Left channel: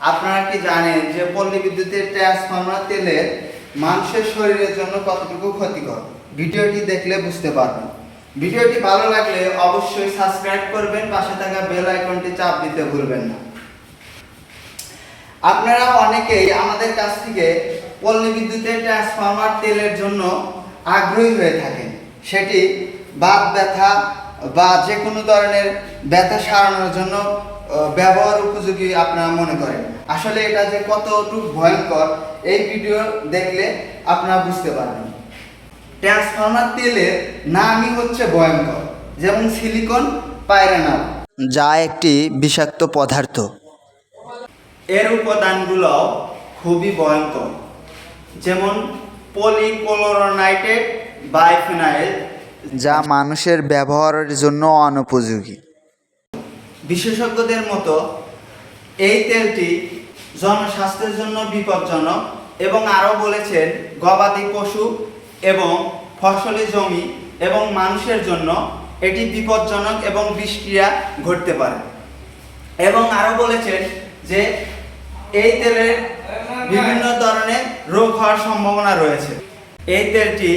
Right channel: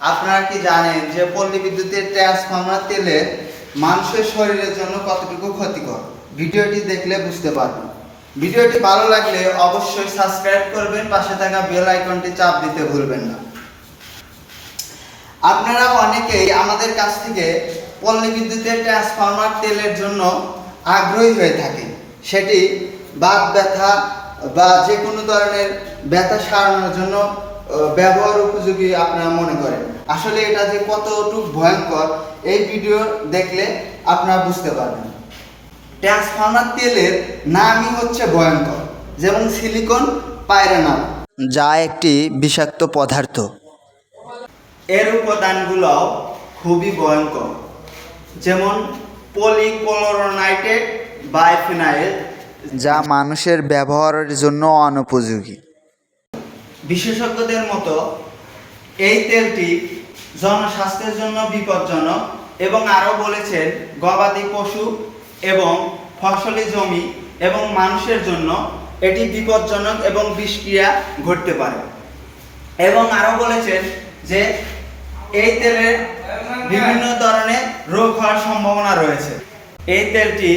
আপনারা কি জানেন যে পল্লী বিদ্যুতের ট্রান্সফরমার তেলের মানুষের শরীরের জন্য কতটুকু ক্ষতিকর? ভিডিওটি দেখলে বুঝতে পারবেন। ভিডিওটি ভালো লাগলে অবশ্যই সাবস্ক্রাইব করবেন, পাশে থাকা বেল আইকনটি চাপ দিতে ভুলবেন না। আপনারা অনেকেই আমাদের কাছ থেকে পল্লী বিদ্যুতের ট্রান্সফরমার তেলের জন্য আগ্রহী হয়ে থাকেন। সেটি বাত ব্যথা বা যে কোনো ধরনের ব্যথা সারানোর জন্য ব্যবহার উপযোগী আপনারা মনে করেন। আসলে এটা যে কতটুকু ভয়ঙ্কর এই ভিডিও দেখলে আপনারা বুঝতে পারবেন। ট্রান্সফরমার তেলের নামই হচ্ছে ভয়ঙ্কর, যেমন সিলিকন পাইরানাল, যা একটি বিষাক্ত পদার্থ। এর উপাদানগুলো খুবই ভয়ঙ্কর, যেমন পলিক্লোরাইড বাইফেনাইল, যা মানুষের ব্যবহারের জন্য অনুপযোগী। বিশেষজ্ঞদের মতো এই তেলটি জনস্বাস্থ্যের জন্য বিপজ্জনক এবং আরও বলেছেন গবাদি পশু এবং ফসলি জমি এবং মানুষের জন্য এটি বিপজ্জনক এবং বিষক্রিয়া ঘটতে পারে। এবং আরও বলেছেন যে এই তেলের বিভিন্ন ধরনের রোগ হওয়ার সম্ভাবনা রয়েছে। এই তেলটি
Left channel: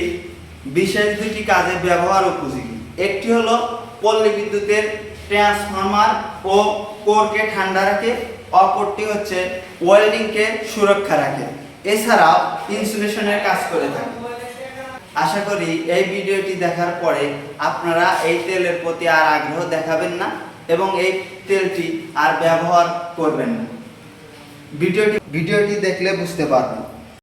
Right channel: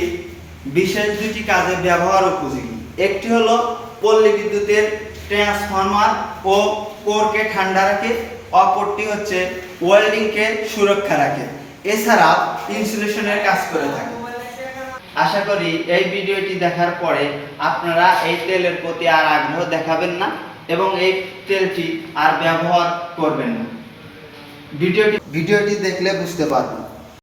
বিশেষ দুটি কাজে ব্যবহার উপযোগী। একটি হলো পল্লী বিদ্যুতের ট্রান্সফরমার ও কোরকে ঠান্ডা রাখে, অপরটি হচ্ছে ওয়েল্ডিংকে সুরক্ষা রাখে, এছাড়াও ইনসুলেশনের কাজ করে থাকে। আশা করি এই ভিডিওটি দেখার পরে আপনারা এই তেলের প্রতি আর আগ্রহ দেখাবেন না এবং এই তেলটি আর ব্যবহার করবেন না। ভিডিওটি দেখলে বুঝতে পারবেন।